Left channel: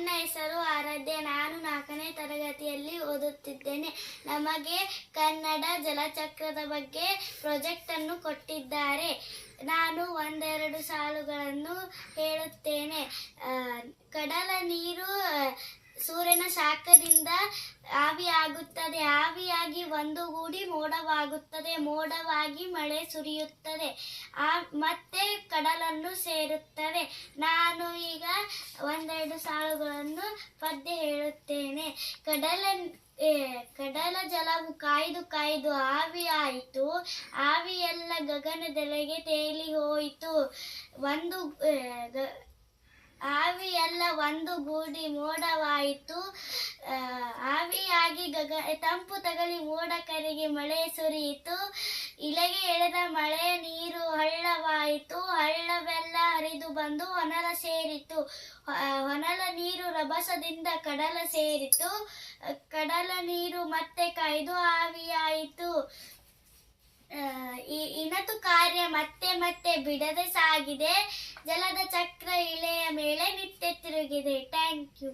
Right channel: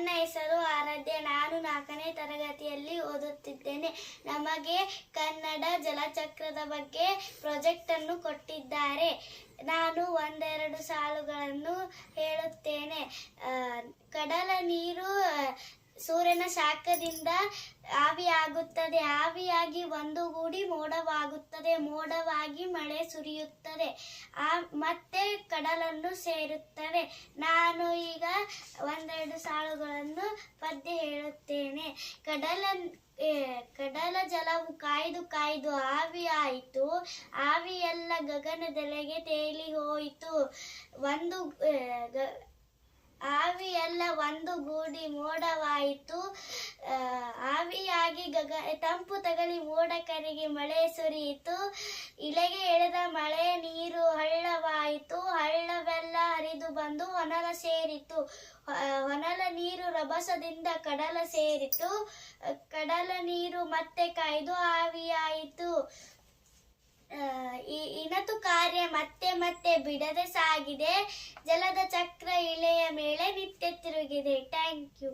ನನ್ನ ಹೆಸರು ಆರಾಧ್ಯ. ನಾನು 4ನೇ ತರಗತಿಯಲ್ಲಿ ಓದುತ್ತಿದ್ದೇನೆ. ನಮಗೆ ಕನ್ನಡ ಜಲಚಕ್ರದ ಬಗ್ಗೆ ಪ್ರಾಜೆಕ್ಟ್ ಅನ್ನು ಕೊಟ್ಟಿದ್ದಾರೆ. ನಾನು ಒಂದೆರಡು ಸಾಲುಗಳನ್ನು ಹೇಳುತ್ತೇನೆ. ಕಡಲ ನೀರು ಸೂರ್ಯನ ಶಾಖದಿಂದ ಆವಿಯಾಗುತ್ತದೆ. ಆವಿಯಾಗಿ ಒಂದುಗೂಡಿ ಮೋಡವಾಗುತ್ತದೆ. ಮೋಡವಾಗಿ ಮಳೆ ಸುರಿಯುತ್ತದೆ. ಮತ್ತೆ ಕಡಲನ್ನು ಸೇರುತ್ತದೆ. ನಾನು ಈಗ ಒಂದೆರಡು ಸಾಲುಗಳನ್ನು ಪದ್ಯ ಹೇಳುತ್ತೇನೆ. ಕಡಲ ಜಲವು ಕಾಯ್ದು ಕಾಯ್ದು ಆವಿಯಾಯಿತು. ಆವಿಯೆಲ್ಲ ಗಗನದೆಡೆಗೆ ತೇಲಿ ಹೋಯಿತು. ಆವಿಯೆಲ್ಲ ಒಂದುಗೂಡಿ ಮೋಡವಾಯಿತು. ಆವಿಯಾಗಿ ತಂಪು ತಗಲಿ ಮೋಡ ಕರಗಿ ಮಳೆ ಸುರಿಯಿತು. ಇಲೆಗೆ ಎಳೆದ ಮಳೆ ನೀರು ಹಳ್ಳವಾಯಿತು. ಹಳ್ಳವೆಲ್ಲ ಹರಿದು ಬಂದು ಹೊನಲ ಸೇರಿತು. ಹೊನಲ ನೀರು ರಭಸದಿಂದ ಕಡಲ ಸೇರಿತು. ಕಡಲ ನೀರು ಮತ್ತೆ ಕಾಯ್ದು ಆವಿಯಾಯಿತು. ಇನತು ಕಾರ್ಯ ಮತ್ತೆ ಮತ್ತೆ ಬಿಡದೆ ಸಾಗಿದೆ. ಜಲದ ಚಕ್ರ ಇಳೆಯ ಮೇಲೆ ನಿತ್ಯ ತಿರುಗಿದೆ. Thank you.